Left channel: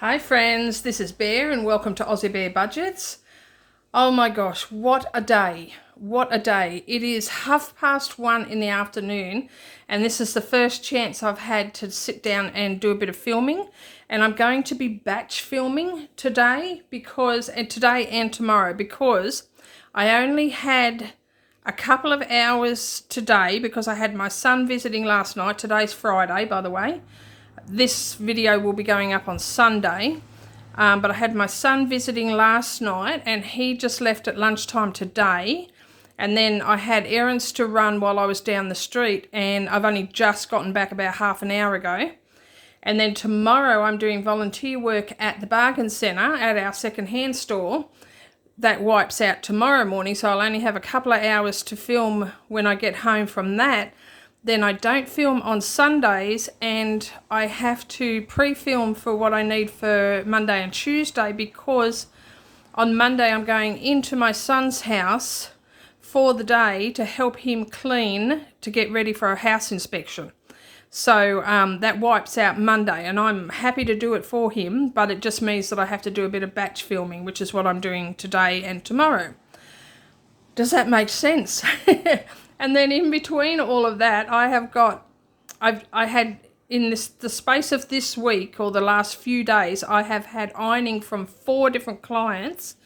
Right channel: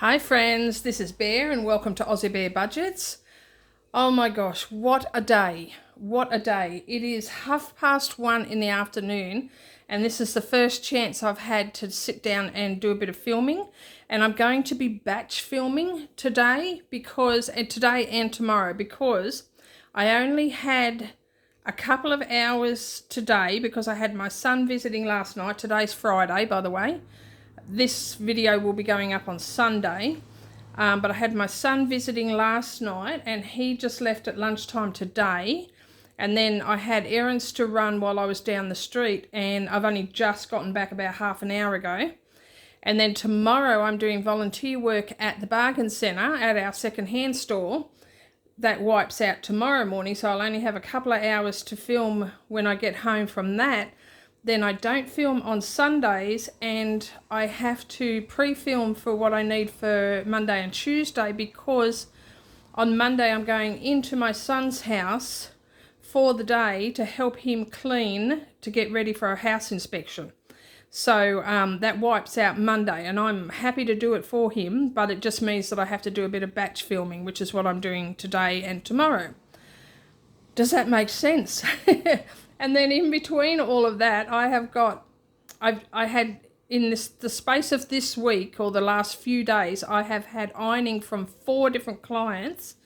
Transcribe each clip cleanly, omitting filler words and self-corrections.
Hi friends, this is Bear and welcome to Aussiebearbudgets. Oh my gosh, what a day. What a day. It is 1:30 in the afternoon and this is the first chance I've had to sit down and do a bit of filming, and I'm going to be batch filming today today and tomorrow because I only had a couple of hours today because I had my son visiting last night. Today's Friday, by the way. This video will be going up on Sunday, but I had my son visiting last night and he just left at lunchtime today, and then I had errands to run while I was down the street, and I've only just gotten back about half an hour ago. And then tomorrow I'm doing volunteer work at the bargain centre at our second-hand store. That wipes out tomorrow morning, so I'll only have a couple of hours to film when I get home from that. Then I don't film on Sundays, and I have to pre-film for what I need for Monday and Tuesday, because on Monday I'm going into my son's house for the day to help him clean to get ready for a house inspection. So that wipes out Monday, and I'm happy to do it for him, but it just means that I have to do a bit of batch filming, which is what I'm doing today and tomorrow. Does that make sense? And then in between all of that, I had in the space of this week, or the last few days, I have had ironing from 4 different clients.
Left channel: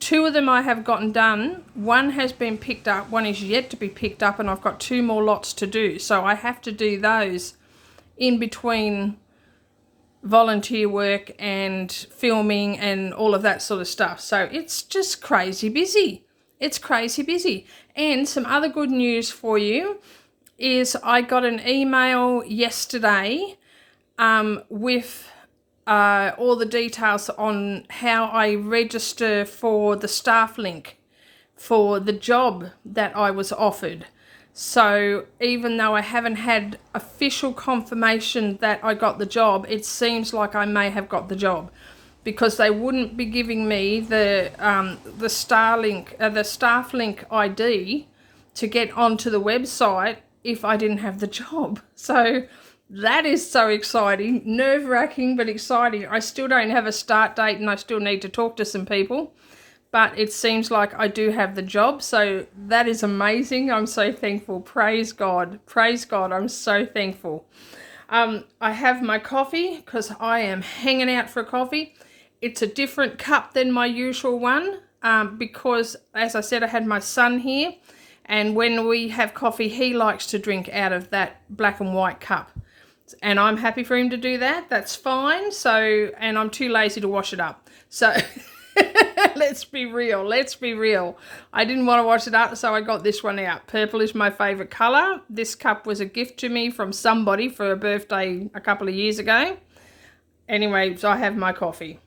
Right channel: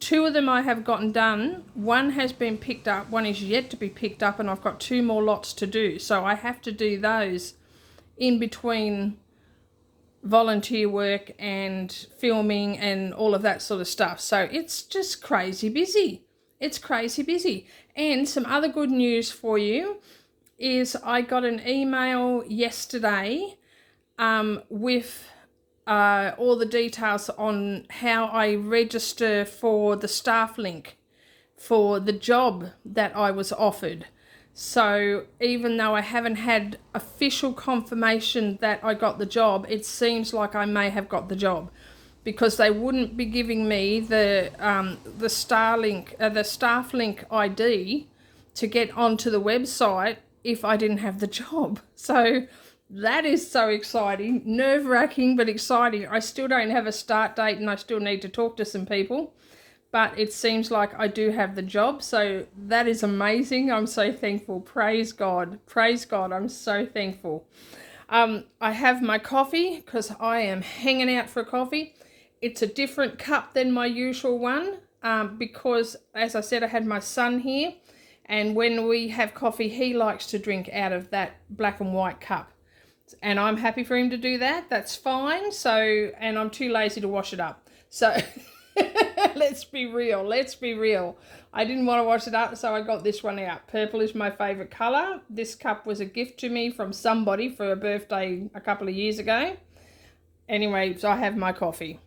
2 of them I have gotten done. 1 has been picked up, 1 is yet to be picked up, and I've got 2 more lots to do. So I have to do those in between volunteer work and filming and all of that sort of stuff. So it's just crazy busy. It's crazy busy. And some other good news for you is I got an email yesterday with all the details on how I register for the staff link for the job that I was offered. So even though I haven't had official confirmation that I got the job, it seems like I may have got the job, because they wouldn't be giving me the staff link ID to get onto the website if I didn't have the job. So that is so exciting, nerve-wracking but exciting. I still don't have a start date and I still need to talk to some people, but it seems like I do have the job, so that is amazing. I'm so thankful. Praise God. Praise God. I'm so thankful. I have my coffee because I am hanging out for a coffee. It's a different cup than my usual one because, as I said, I had my son here, and when we have coffee, he likes to drink out of that black and white cup. And I'm happy for him to do that. That's fine. So, and I'm too lazy to wash it up. So, let's be real. Let's be real. I didn't want to wash it up, so I got this one out. Purple is my favourite colour. This cup was a gift to me from somebody for a birthday a couple of years ago. Anyway, so I have my coffee.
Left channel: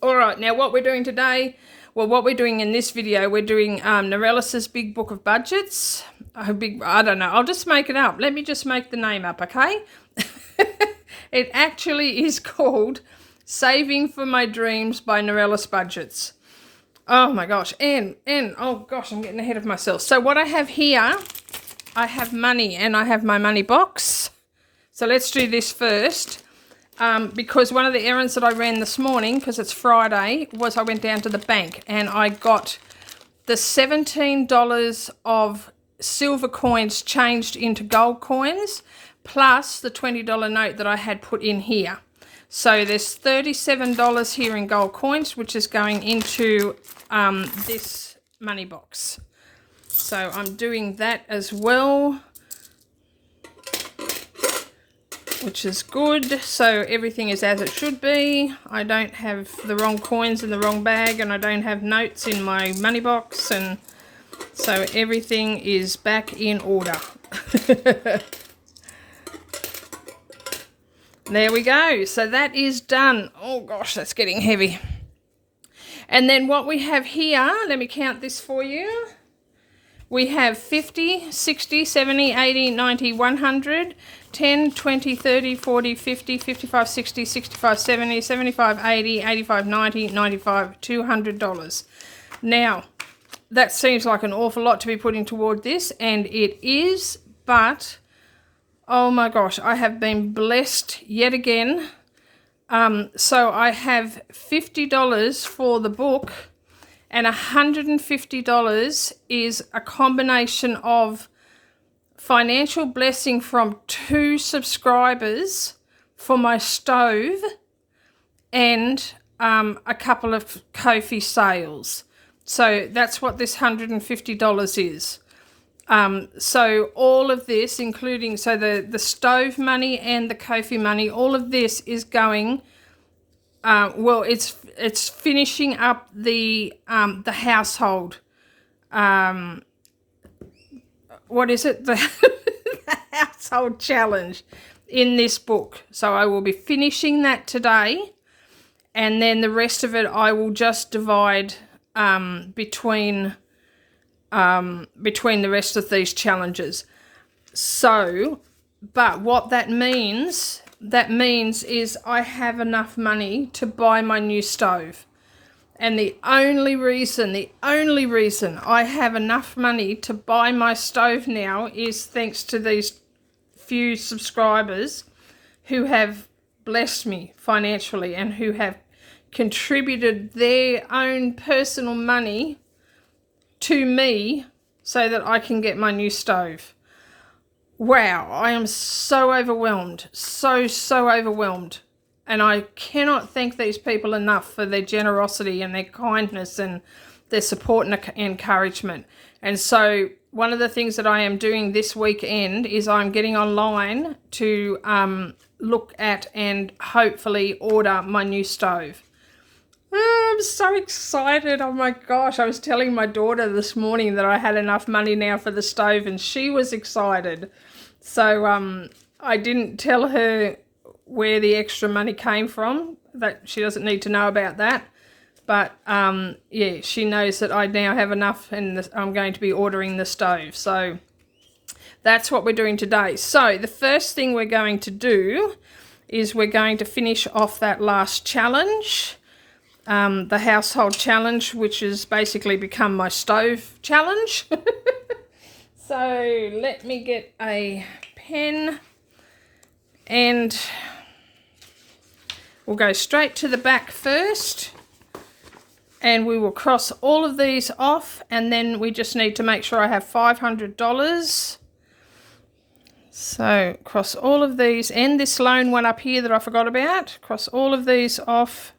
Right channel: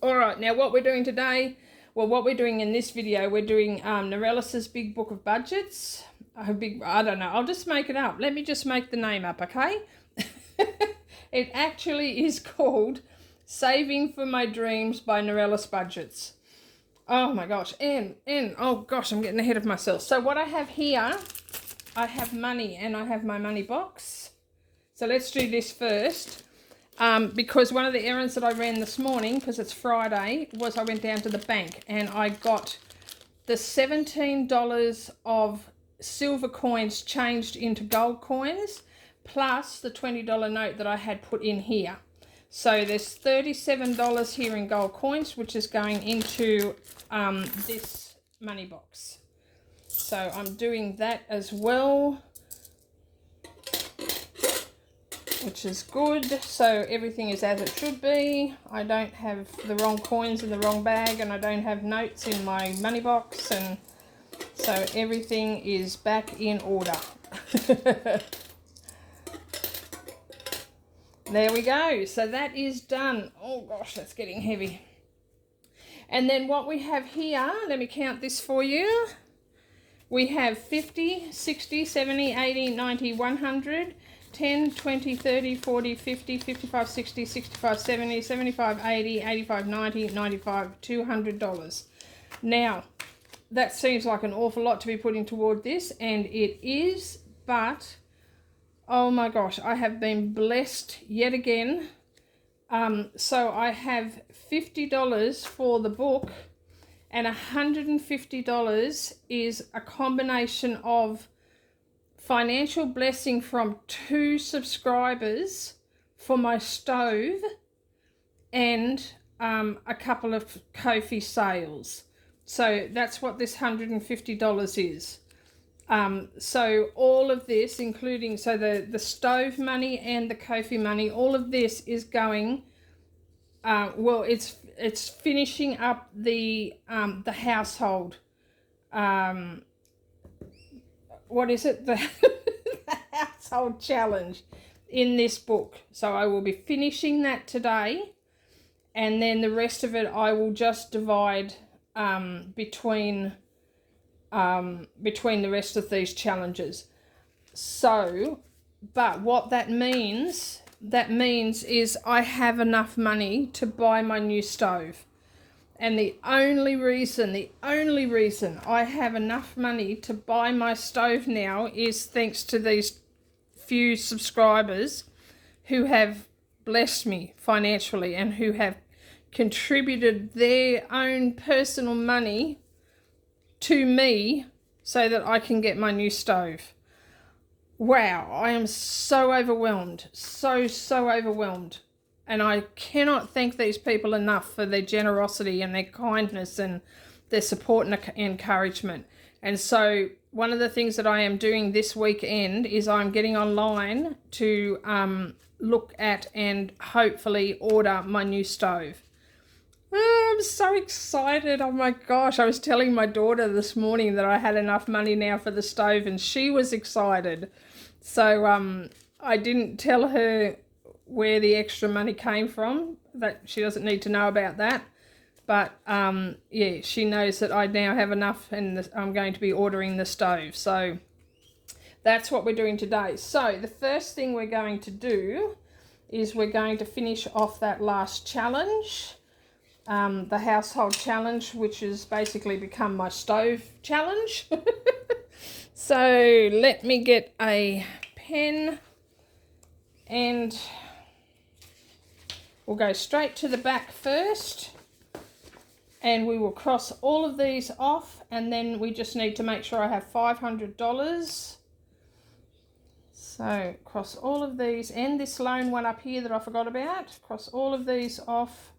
All right, now what we're doing today, well, what we're doing in this video, we're doing Norelis's Big Book of Budgets. I don't know, I'll just make it up. Let me just make the name up, okay? It actually is called Saving for My Dreams by Norelis Budgets. Oh my gosh, and oh gosh, I'm getting ahead of myself. So what I have here, I have money, and I have my money box. So let's do this first. Because one of the errands that I ran this morning, because it's Friday, was I went down to the bank and I got the $17 of silver coins changed into gold coins, plus the $20 note that I had put in here. So there's $37 here in gold coins, which is going into this money box. So I'm doing that as well, which is good. So everything is as it should be. I don't have the wrong coins in the wrong bag, and I don't have notes in my money box, and so everything is back in order. There we go. So that is done. Oh gosh, that's getting heavy. And then what we have here, let me count this for you. We have 50, 60, 70, 80, 90, 100, 10, 20, 30, 40, 50, 55, 60, 65, 70, 75, 80, 85, 90, 95, $200. Now, that seems like an awful lot to be putting toward this, and it is, but oh my gosh, I have been blessed yet again So I have $50 for the book, and $150 is a combination of financial blessing from 2 subscribers for my stove and a couple of Ko-fi sales. So that's what this $150 is. So all of this, including the stove money and the Ko-fi money, all of this is going. Well, it's finishing up the household. What is it? The household challenge in this book. So I will be finishing that today, and then the rest of it I will just divide between the rest of these challenges. So, but what that means is I have enough money to buy my new stove. And the only reason I have enough money to buy my stove now is thanks to these few subscribers who have blessed me financially and who have contributed their own personal money to me so that I can get my new stove. Wow, I am so overwhelmed, so overwhelmed. And I cannot thank these people enough for their generosity and their kindness and their support and encouragement. And so one of the things that I am doing this weekend is I'm getting online to look at and hopefully order my new stove. Oh, I'm so excited. Oh my gosh. I was telling my daughter this morning that I had enough money now for the stove, and she was excited. So I didn't tell her where the extra money came from. That she doesn't need to know about that. But yeah, she knows that I now have enough, and I'm going to be ordering the stove. So that's what we're doing today. So the first thing we're going to do is we're going to finish off that last challenge. The household challenge, which has basically become my stove challenge. So let me get a pen, and we'll go straight to the back first, and we will cross all of these off, and then we just need to make sure I have $500. So cross all of these, and this loan one up here that I forgot about, cross all of these off.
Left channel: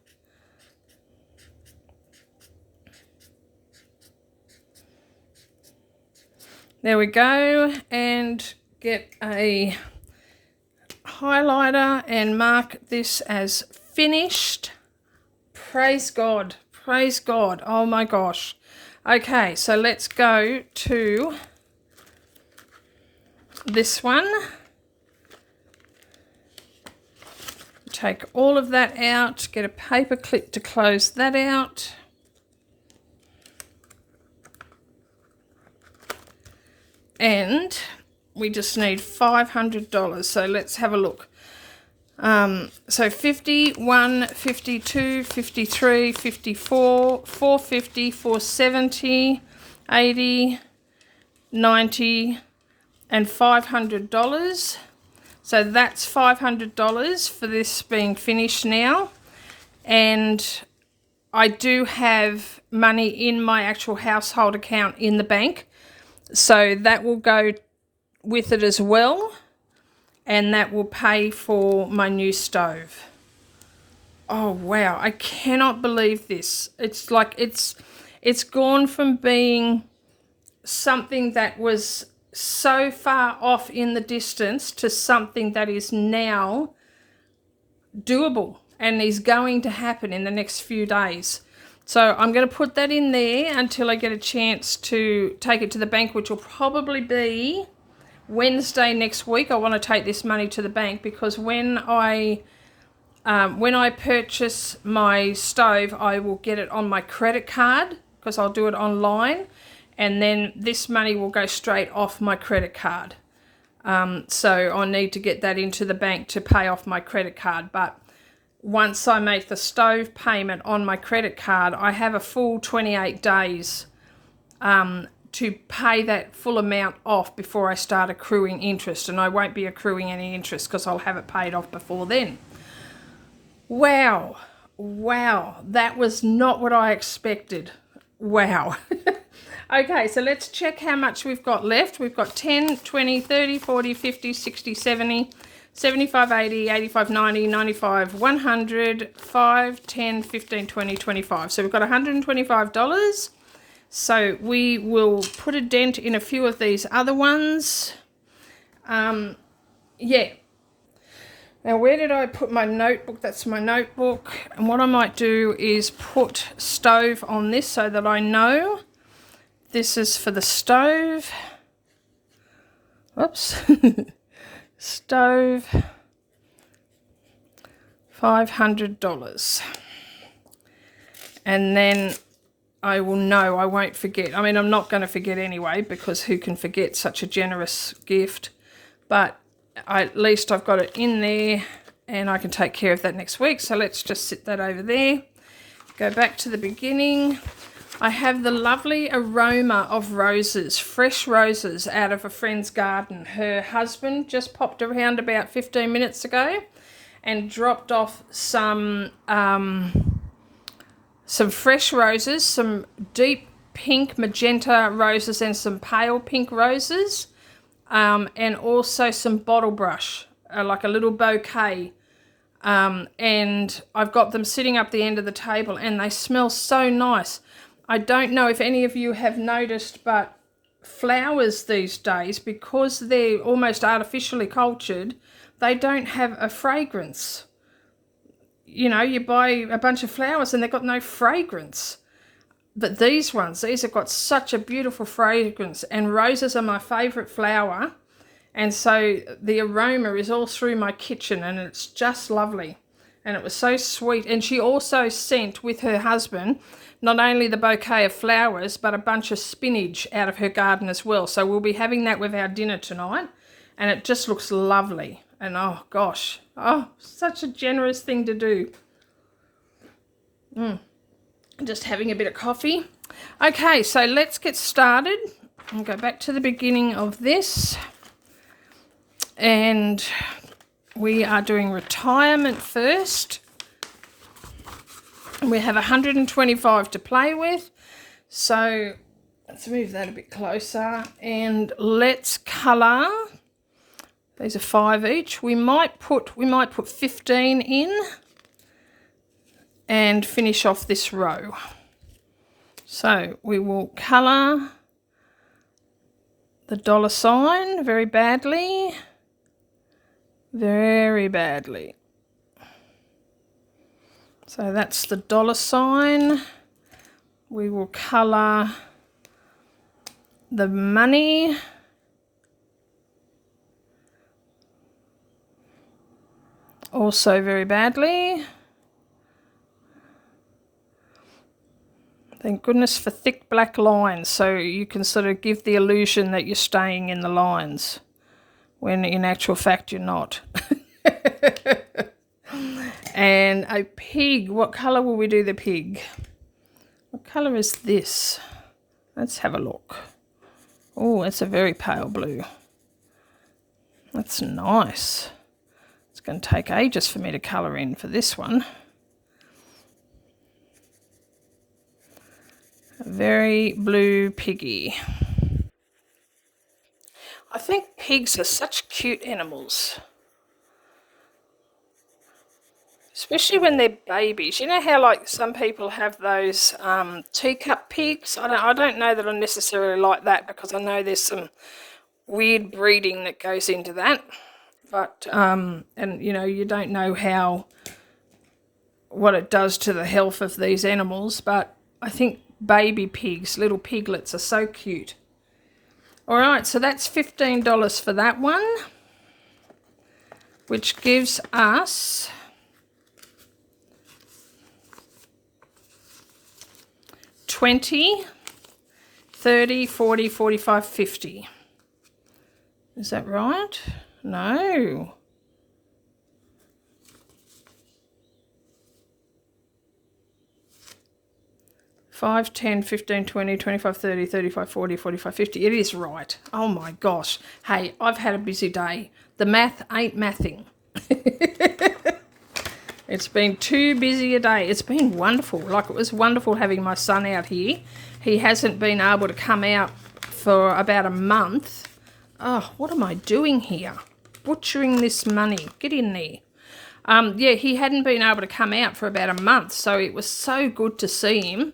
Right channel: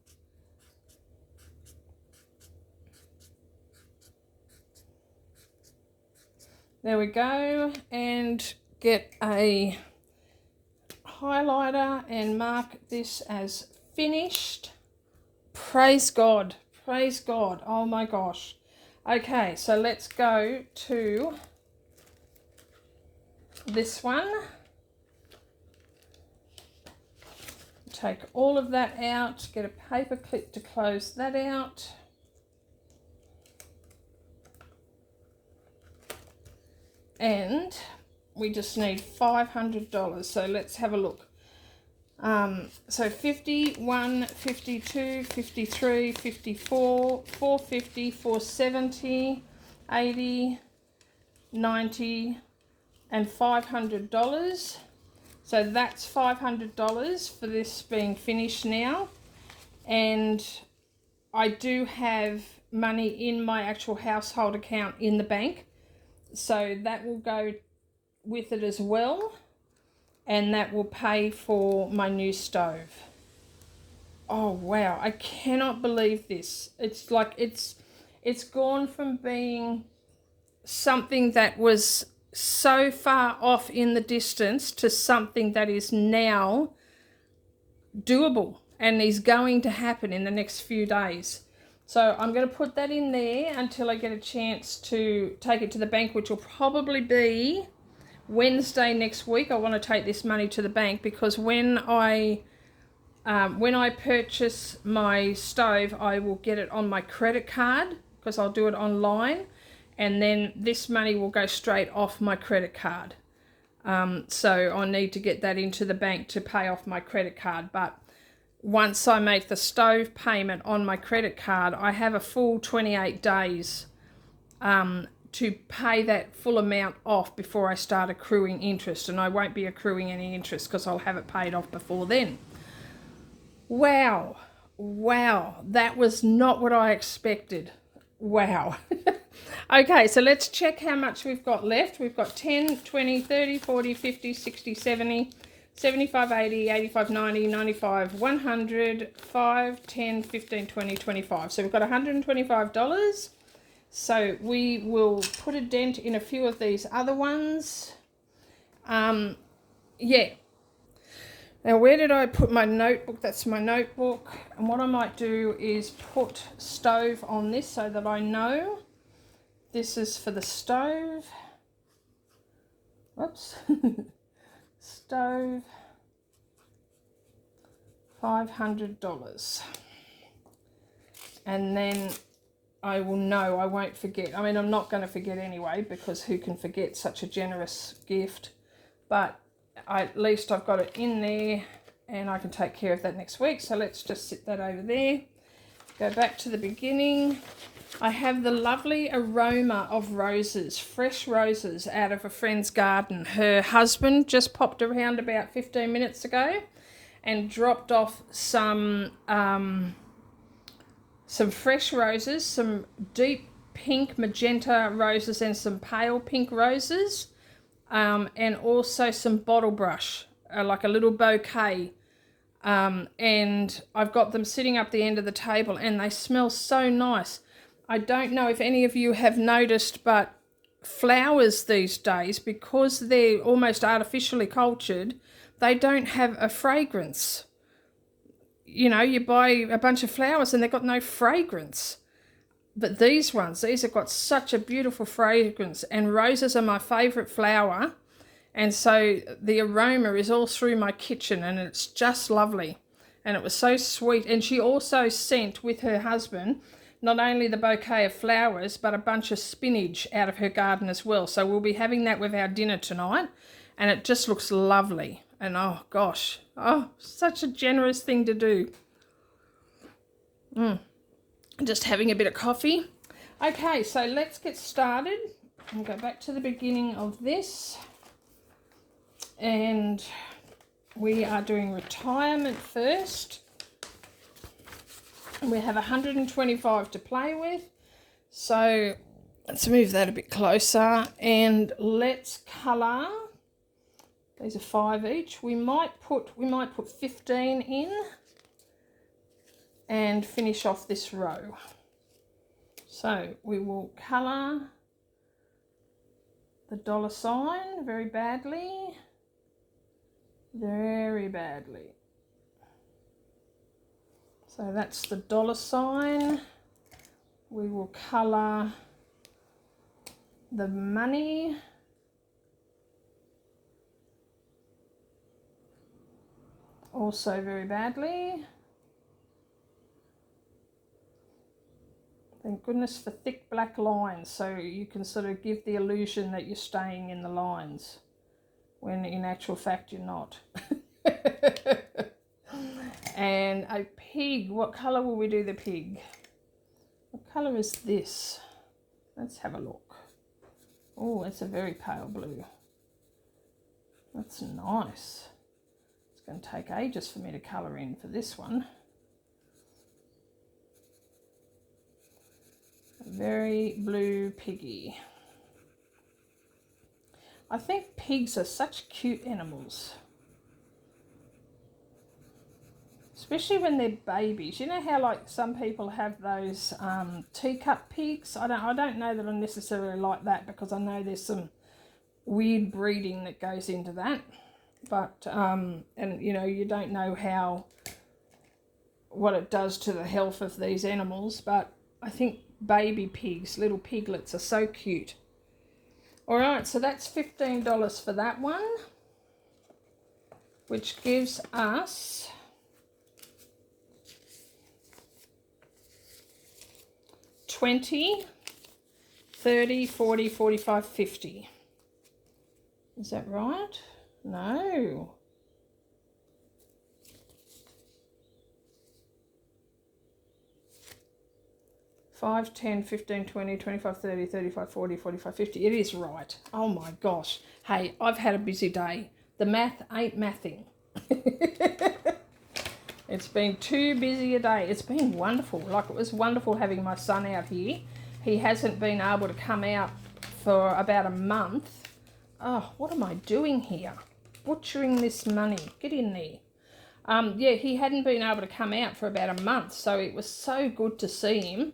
There we go, and get a highlighter and mark this as finished. Praise God, praise God. Oh my gosh. Okay, so let's go to this one. Take all of that out, get a paper clip to close that out. And we just need $500. So let's have a look. So 51, 52, 53, 54, 450, 470, 80, 90, and $500. So that's $500 for this being finished now. And I do have money in my actual household account in the bank. So that will go with it as well, and that will pay for my new stove. Oh wow, I cannot believe this. It's like it's gone from being something that was so far off in the distance to something that is now doable and is going to happen in the next few days. So I'm going to put that in there until I get a chance to take it to the bank, which will probably be Wednesday next week. I want to take this money to the bank because when I purchase my stove, I will get it on my credit card because I'll do it online, and then this money will go straight off my credit card. So I need to get that into the bank to pay off my credit card. But once I make the stove payment on my credit card, I have a full 28 days to pay that full amount off before I start accruing interest. And I won't be accruing any interest because I'll have it paid off before then. Wow. Wow. That was not what I expected. Wow. Okay, so let's check how much we've got left. We've got 10, 20, 30, 40, 50, 60, 70, 75, 80, 85, 90, 95, 100, 5, 10, 15, 20, 25. So we've got $125. So we will put a dent in a few of these other ones. Yeah. Now, where did I put my notebook? That's my notebook. And what I might do is put stove on this so that I know this is for the stove. Oops. Stove, $500. And then I will know, I won't forget. I mean, I'm not going to forget anyway, because who can forget such a generous gift? But at least I've got it in there and I can take care of that next week. So let's just sit that over there. Go back to the beginning. I have the lovely aroma of roses, fresh roses out of a friend's garden. Her husband just popped around about 15 minutes ago and dropped off some fresh roses, some deep pink magenta roses and some pale pink roses, and also some bottle brush, like a little bouquet. And I've got them sitting up the end of the table and they smell so nice. I don't know if any of you have noticed, but flowers these days, because they're almost artificially cultured, they don't have a fragrance. You know, you buy a bunch of flowers and they've got no fragrance. But these have got such a beautiful fragrance, and roses are my favourite flower. And so the aroma is all through my kitchen and it's just lovely. And it was so sweet. And she also sent with her husband not only the bouquet of flowers, but a bunch of spinach out of her garden as well. So we'll be having that with our dinner tonight. And it just looks lovely. And oh gosh, oh, such a generous thing to do. Just having a bit of coffee. Okay, so let's get started. I'll go back to the beginning of this. And we are doing retirement first. We have 125 to play with. So let's move that a bit closer and let's colour. These are 5 each. We might put 15 in and finish off this row. So we will colour the dollar sign very badly. Very badly. So that's the dollar sign. We will colour the money. Also very badly. Thank goodness for thick black lines, so you can sort of give the illusion that you're staying in the lines, when in actual fact you're not. And a pig, what colour will we do the pig? What colour is this? Let's have a look. Oh, it's a very pale blue. That's nice. It's going to take ages for me to colour in for this one. A very blue piggy. I think pigs are such cute animals. Especially when they're babies. You know how like some people have those teacup pigs? I don't know that I necessarily like that, because I know there's some weird breeding that goes into that. But, and you know, you don't know what it does to the health of these animals. But I think baby pigs, little piglets, are so cute. All right, so that's $15 for that one, which gives us 20, 30, 40, 45, 50. Is that right? No. Five, 10, 15, 20, 25, 30, 35, 40, 45, 50. It is right. Oh my gosh. Hey, I've had a busy day. The math ain't mathing. It It's been too busy a day. It's been wonderful. Like, it was wonderful having my son out here. He hasn't been able to come out for about a month. Oh, what am I doing here? Butchering this money. Get in there. Yeah, he hadn't been able to come out for about a month, so it was so good to see him.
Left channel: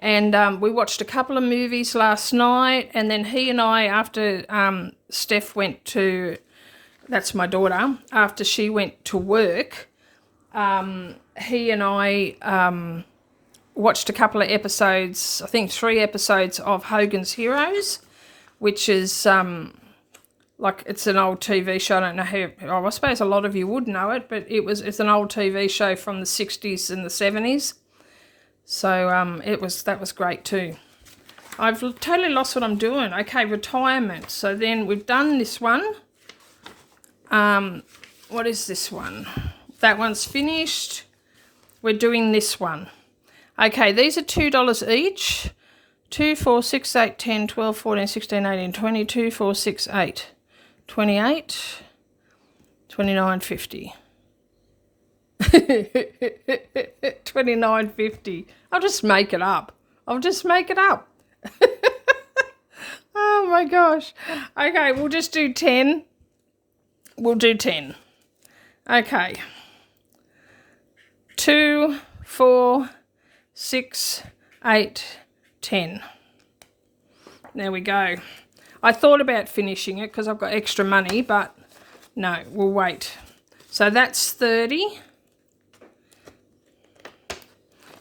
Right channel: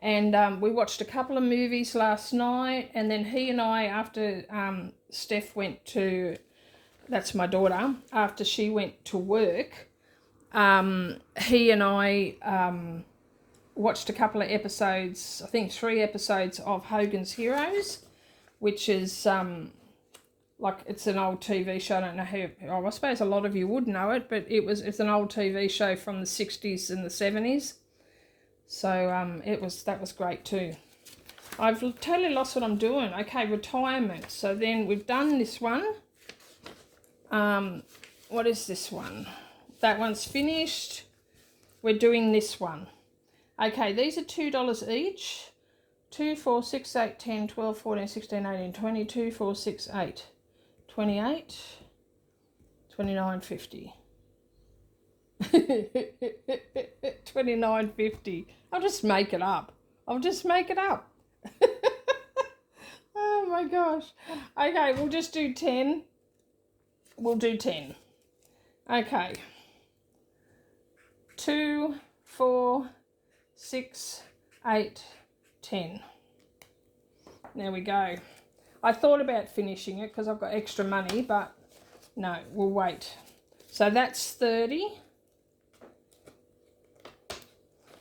And we watched a couple of movies last night, and then he and I, after Steph went to, that's my daughter, after she went to work, he and I watched a couple of episodes, I think 3 episodes of Hogan's Heroes, which is like, it's an old TV show. I don't know how, I suppose a lot of you would know it, but it's an old TV show from the 60s and the 70s. So that was great too. I've totally lost what I'm doing. Okay, retirement. So then we've done this one. What is this one? That one's finished. We're doing this one. Okay, these are $2 each. 2, 4, 6, 8, 10, 12, 14, 16, 18, 22, 4, 6, 8, 28, 29.50. 29.50. I'll just make it up. Oh my gosh. Okay, we'll just do 10. We'll do 10. Okay. 2, 4, 6, 8, 10. There we go. I thought about finishing it because I've got extra money, but no, we'll wait. So that's 30.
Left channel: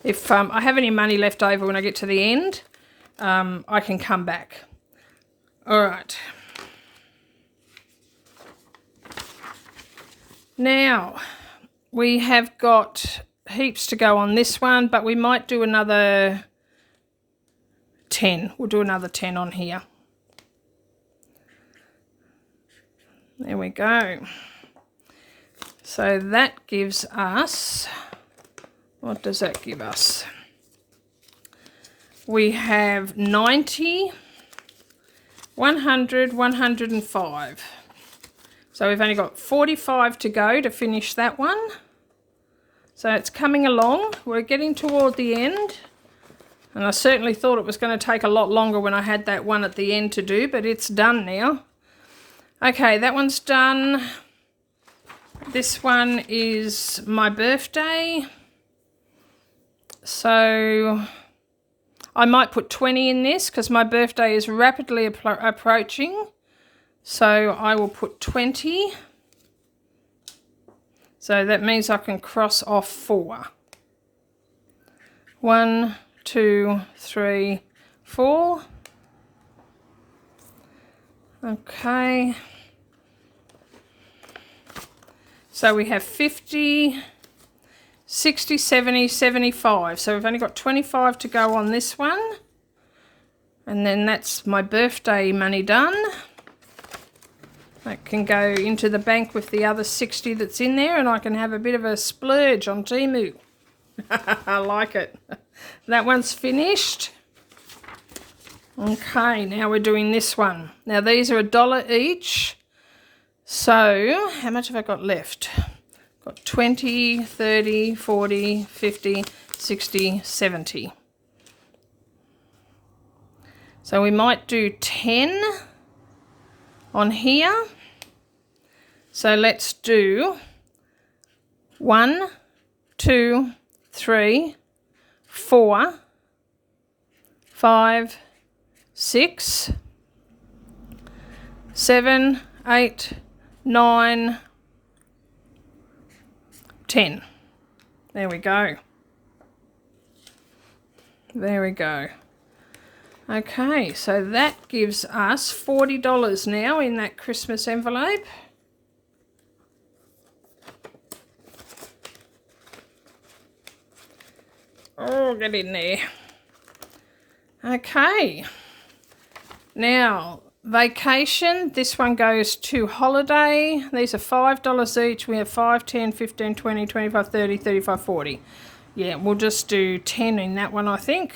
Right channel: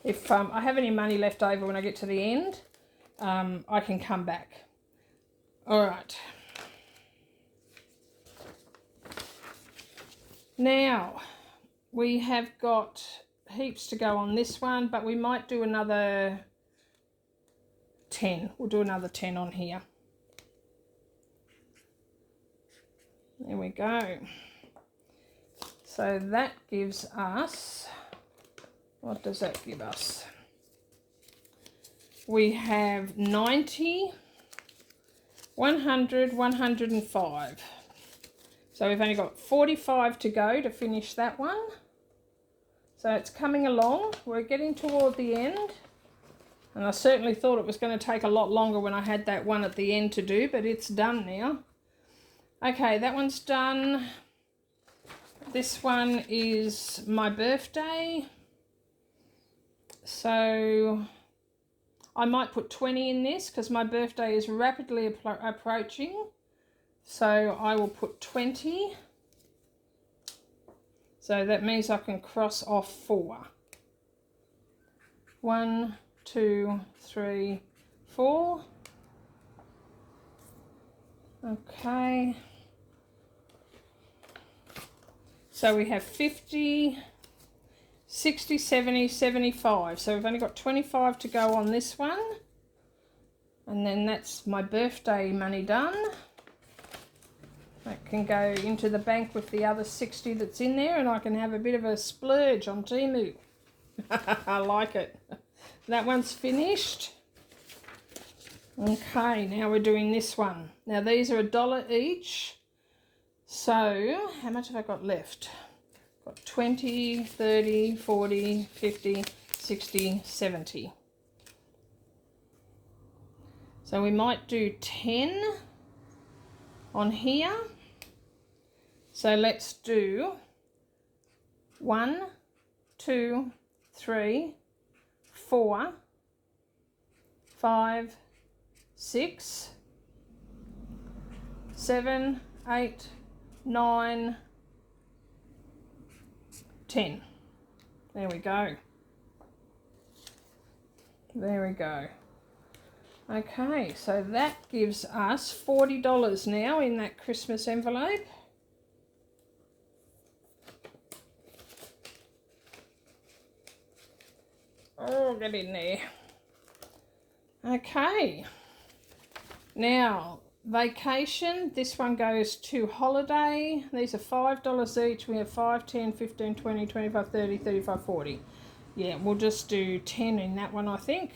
If I have any money left over when I get to the end, I can come back. All right. Now, we have got heaps to go on this one, but we might do another 10. We'll do another 10 on here. There we go. So that gives us, what does that give us? We have 90, 100, 105. So we've only got 45 to go to finish that one. So it's coming along. We're getting toward the end. And I certainly thought it was going to take a lot longer when I had that one at the end to do, but it's done now. Okay, that one's done. This one is my birthday. So I might put 20 in this because my birthday is rapidly approaching. So I will put 20. So that means I can cross off 4. 1, 2, 3, 4. Okay. So we have 50, 60, 70, 75. So we've only got 25 to go on this one. And then that's my birthday money done. That can go into the bank with the other 60 that's in there, and I can have a bit of a splurge on Temu. I like it. That one's finished. Okay, now we're doing this one. Now these are $1 each. So how much have I got left? Got 20, 30, 40, 50, 60, 70. So we might do 10 on here. So let's do 1, 2, 3, 4, 5, 6, 7, 8, 9, 10. There we go. There we go. Okay, so that gives us $40 now in that Christmas envelope. Oh, get in there. Okay. Now, vacation, this one goes to holiday. These are $5 each. We have 5, 10, 15, 20, 25, 30, 35, 40. Yeah, we'll just do 10 in that one, I think.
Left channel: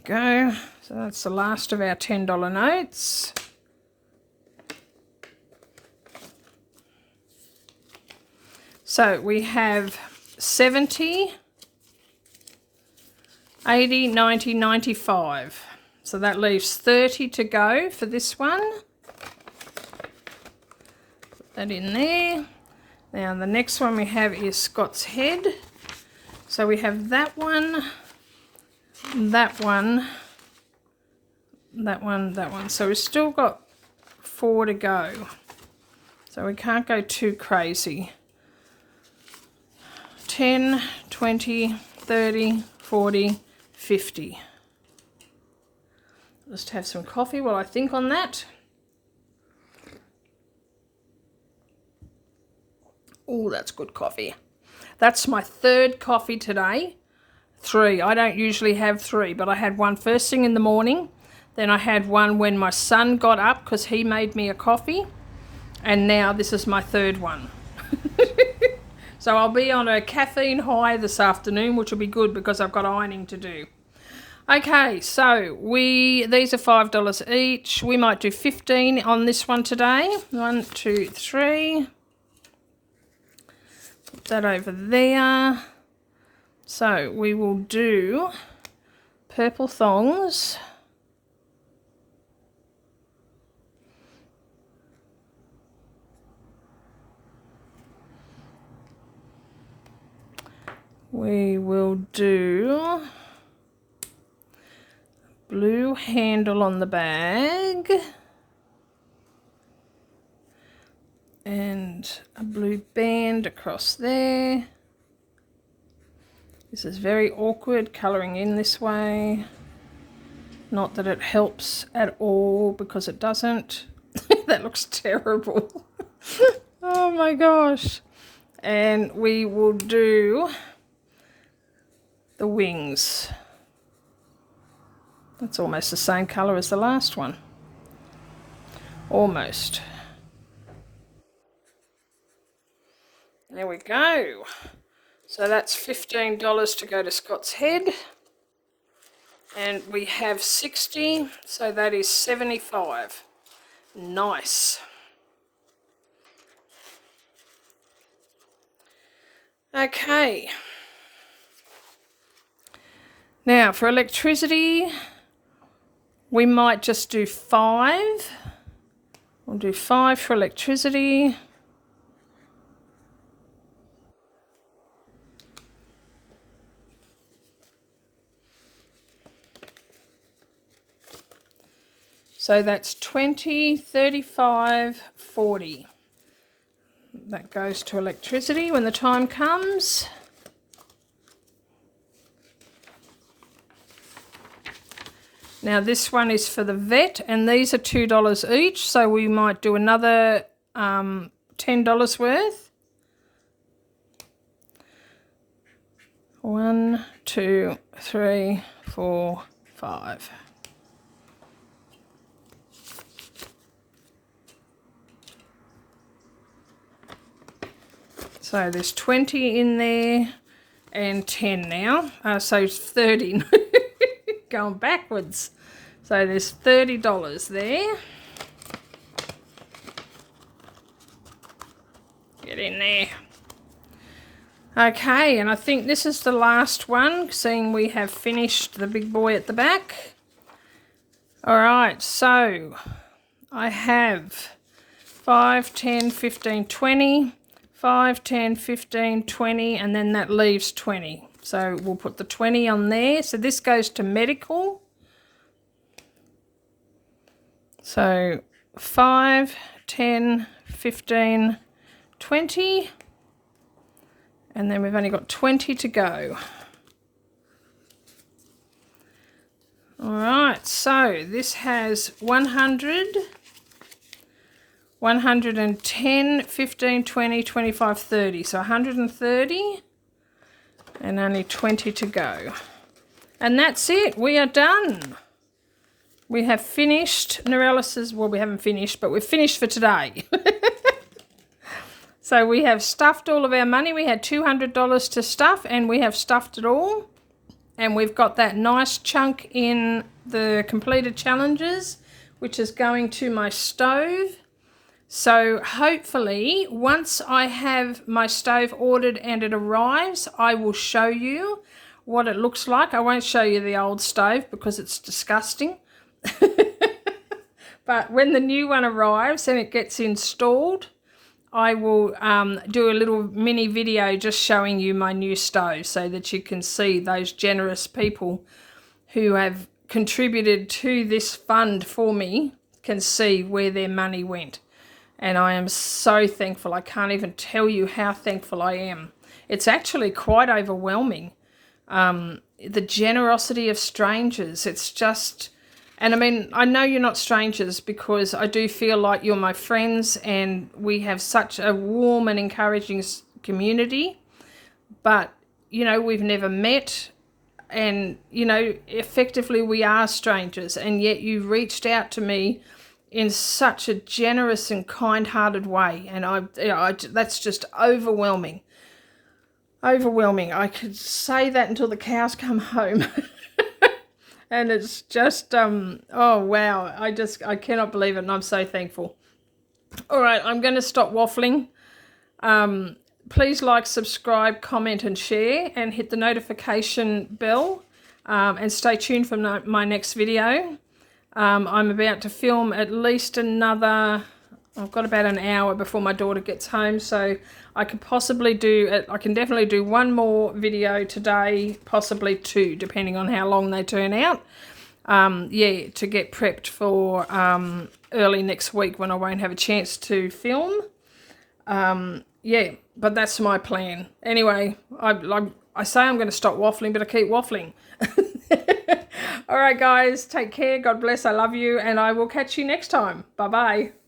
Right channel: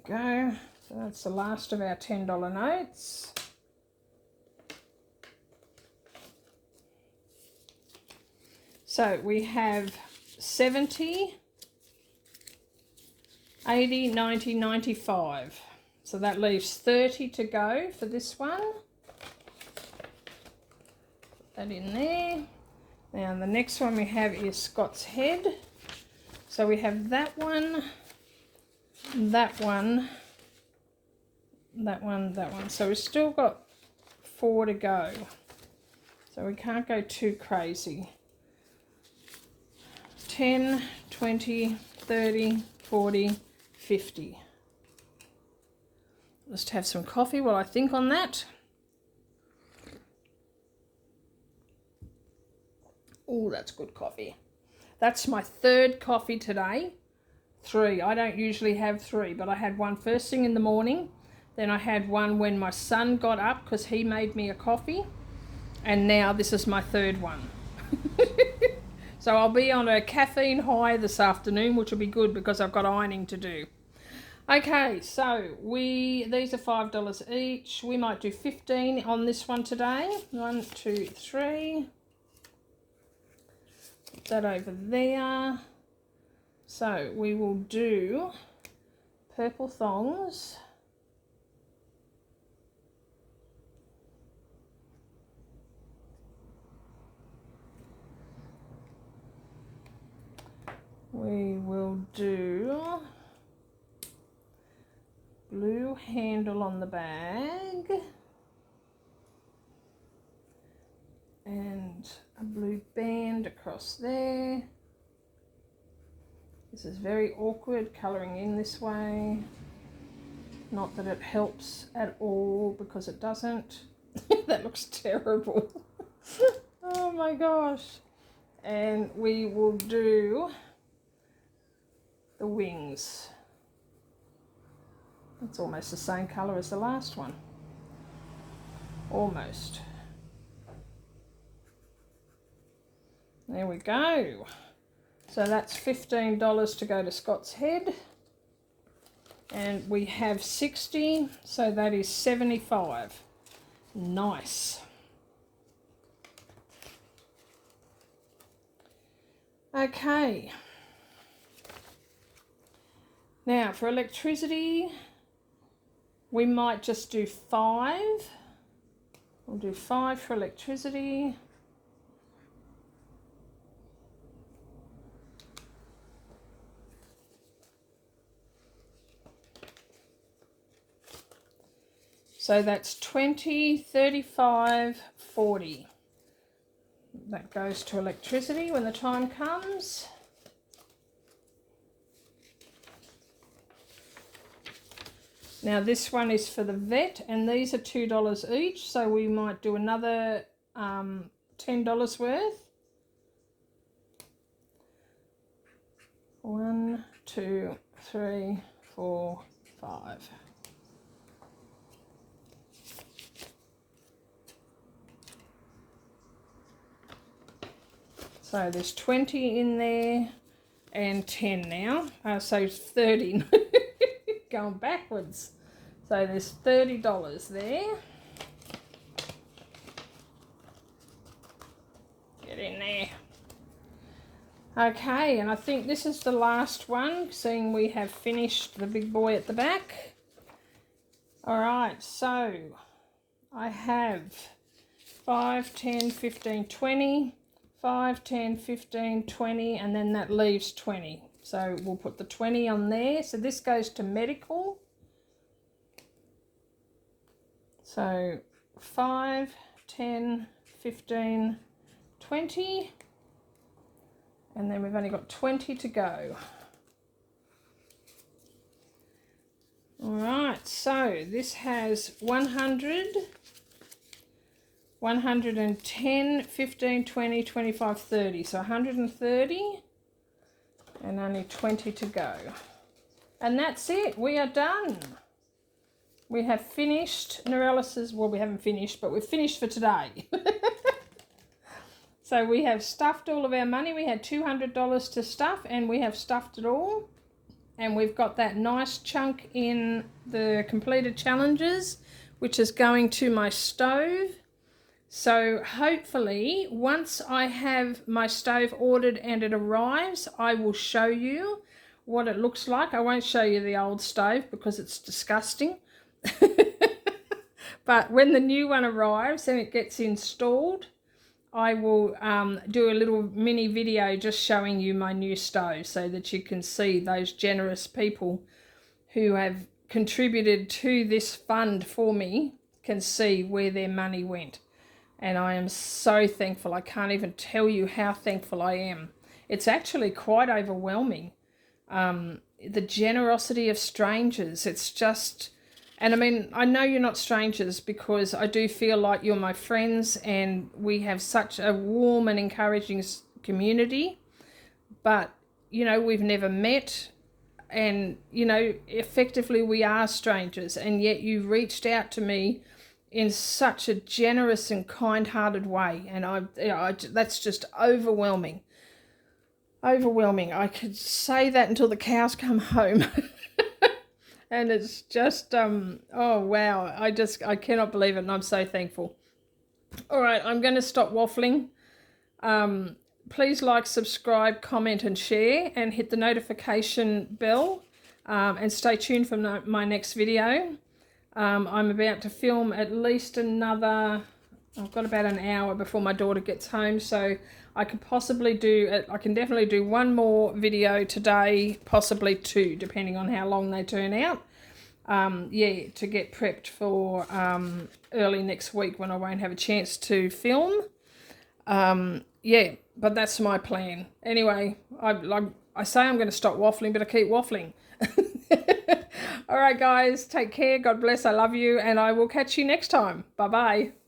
we go. So that's the last of our $10 notes. So we have 70, 80, 90, 95. So that leaves 30 to go for this one. Put that in there. Now the next one we have is Scott's Head. So we have that one, that one, that one, that one. So we've still got 4 to go. So we can't go too crazy. 10, 20, 30, 40, 50. Just have some coffee while I think on that. Oh, that's good coffee. That's my 3rd coffee today. 3. I don't usually have 3, but I had one first thing in the morning. Then I had one when my son got up because he made me a coffee. And now this is my 3rd one. So I'll be on a caffeine high this afternoon, which will be good because I've got ironing to do. Okay, so these are $5 each. We might do 15 on this one today. 1, 2, 3. Put that over there. So we will do purple thongs. We will do blue handle on the bag and a blue band across there. This is very awkward colouring in this way. Not that it helps at all because it doesn't. That looks terrible. Oh my gosh. And we will do the wings. That's almost the same colour as the last one. Almost. There we go. So that's $15 to go to Scott's Head. And we have 60, so that is 75. Nice. Okay. Now for electricity, we might just do 5. We'll do 5 for electricity. So that's 20, 35, 40. That goes to electricity when the time comes. Now this one is for the vet, and these are $2 each, so we might do another $10 worth. 1, 2, 3, 4, 5. So there's 20 in there and 10 now, so 30. Going backwards. So there's $30 there. Get in there. Okay, and I think this is the last one, seeing we have finished the big boy at the back. All right, so I have 5, 10, 15, 20, 5, 10, 15, 20, and then that leaves 20. So we'll put the 20 on there. So this goes to medical. So 5, 10, 15, 20. And then we've only got 20 to go. All right, so this has 100, 110, 15, 20, 25, 30. So 130. And only 20 to go. And that's it. We are done. We have finished Norelis's, well, we haven't finished, but we've finished for today. So we have stuffed all of our money. We had $200 to stuff, and we have stuffed it all. and we've got that nice chunk in the completed challenges, which is going to my stove. So hopefully once I have my stove ordered and it arrives, I will show you what it looks like. I won't show you the old stove because it's disgusting. But when the new one arrives and it gets installed, I will do a little mini video just showing you my new stove so that you can see those generous people who have contributed to this fund for me can see where their money went. And I am so thankful. I can't even tell you how thankful I am. It's actually quite overwhelming. The generosity of strangers, it's just... And I mean, I know you're not strangers because I do feel like you're my friends and we have such a warm and encouraging community. But, you know, we've never met and, you know, effectively we are strangers. And yet you reached out to me in such a generous and kind-hearted way. And that's just overwhelming. Overwhelming. I could say that until the cows come home. And it's just, oh, wow. I cannot believe it, and I'm so thankful. All right, I'm going to stop waffling. Please like, subscribe, comment, and share, and hit the notification bell, and stay tuned for my next video. I'm about to film at least another... I've got about an hour before my daughter gets home, so I can definitely do one more video today, possibly two, depending on how long they turn out. Yeah, to get prepped for early next week when I won't have a chance to film. Yeah, but that's my plan. Anyway, I say I'm going to stop waffling, but I keep waffling. All right, guys, take care. God bless. I love you, and I will catch you next time. Bye-bye.